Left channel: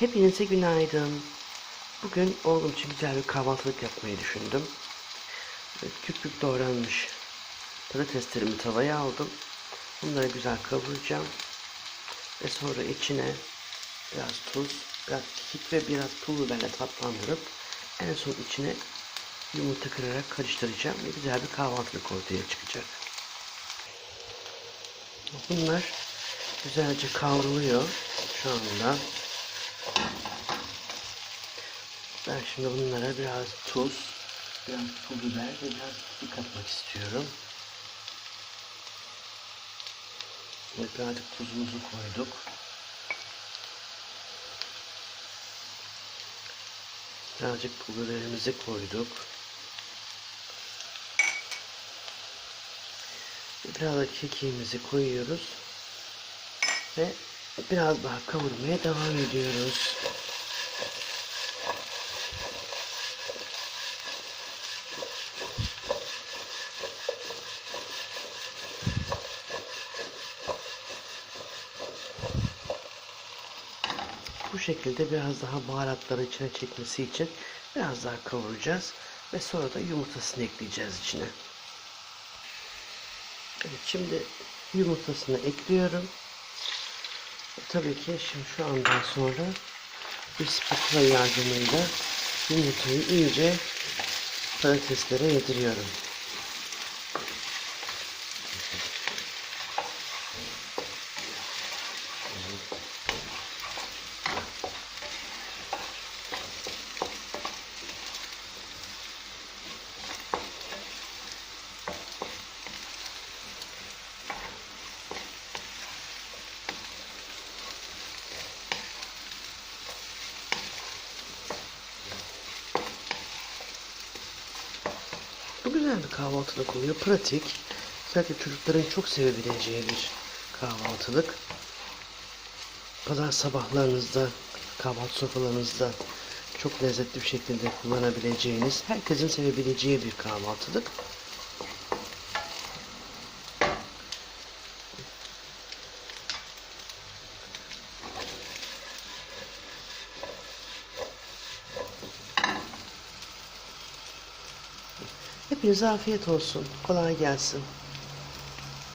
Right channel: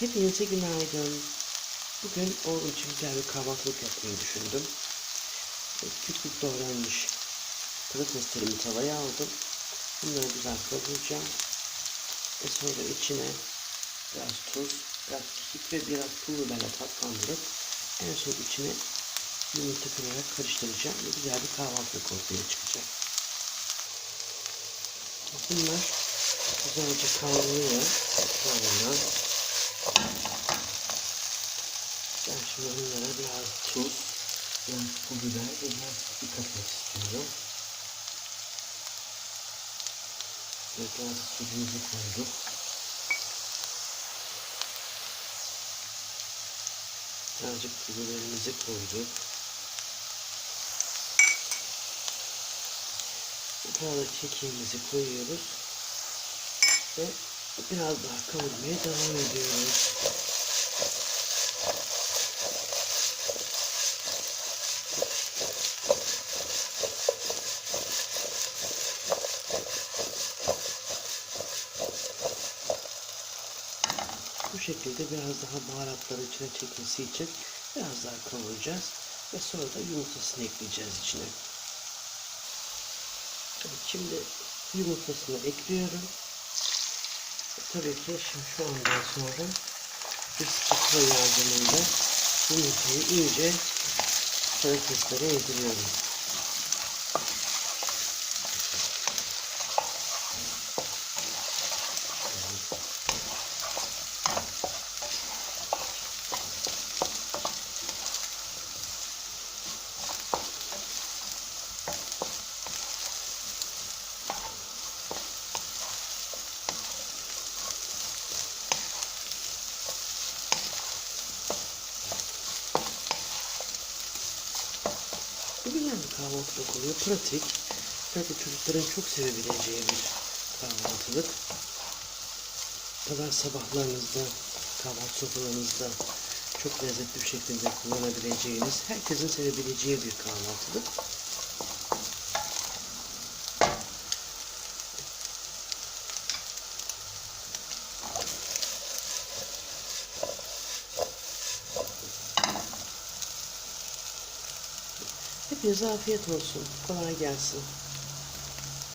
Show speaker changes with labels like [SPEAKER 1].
[SPEAKER 1] Hepinize günaydın. Bugün oğlum için güzel bir kahvaltılık yapmayı düşündüm. Küp küp doğranmış patateslerimi tavaya aldım. Bunları güzel kavuracağım. Ve sonra içine biraz tuz, biraz kekik ve biraz pul biberle tatlandırıp en son içine yumurta kırarak karıştıracağım ve güzel bir kahvaltılık ortaya çıkacak. Bunlar güzelce kavruluyor şu anda. Ben şimdi bunlara biraz tuz, biraz pul biber ve biraz kekik atmak istiyorum. Evet artık tuzumuzu koyduk. Birazcık pul biberimizi koyduk. Biraz da kekiğimizi koyuyoruz. Ve biraz daha kavurmaya devam ediyoruz. Bu şekilde biraz daha baharatları içine çekmesi için biraz daha kavuracağız. Ve sonra da yumurtasını ekleyeceğiz içine. Evet, şimdi yumurtasını ekliyorum. Tabii ki şimdi şu andan sonra bir spatula yardımıyla yumurtayı iyice patateslere yediriyorum. Bu güzel bir kahvaltılık oluyor. Pratik. Belki çocukların çok sevebileceği bir kahvaltılık. Pazar sabahlarınızda, kahvaltı sofralarınızda çok lezzetli bir şekilde kullanabileceğiniz, herkesin sevebileceği bir kahvaltılık. Hepinize afiyet olsun. Kolay gelsin.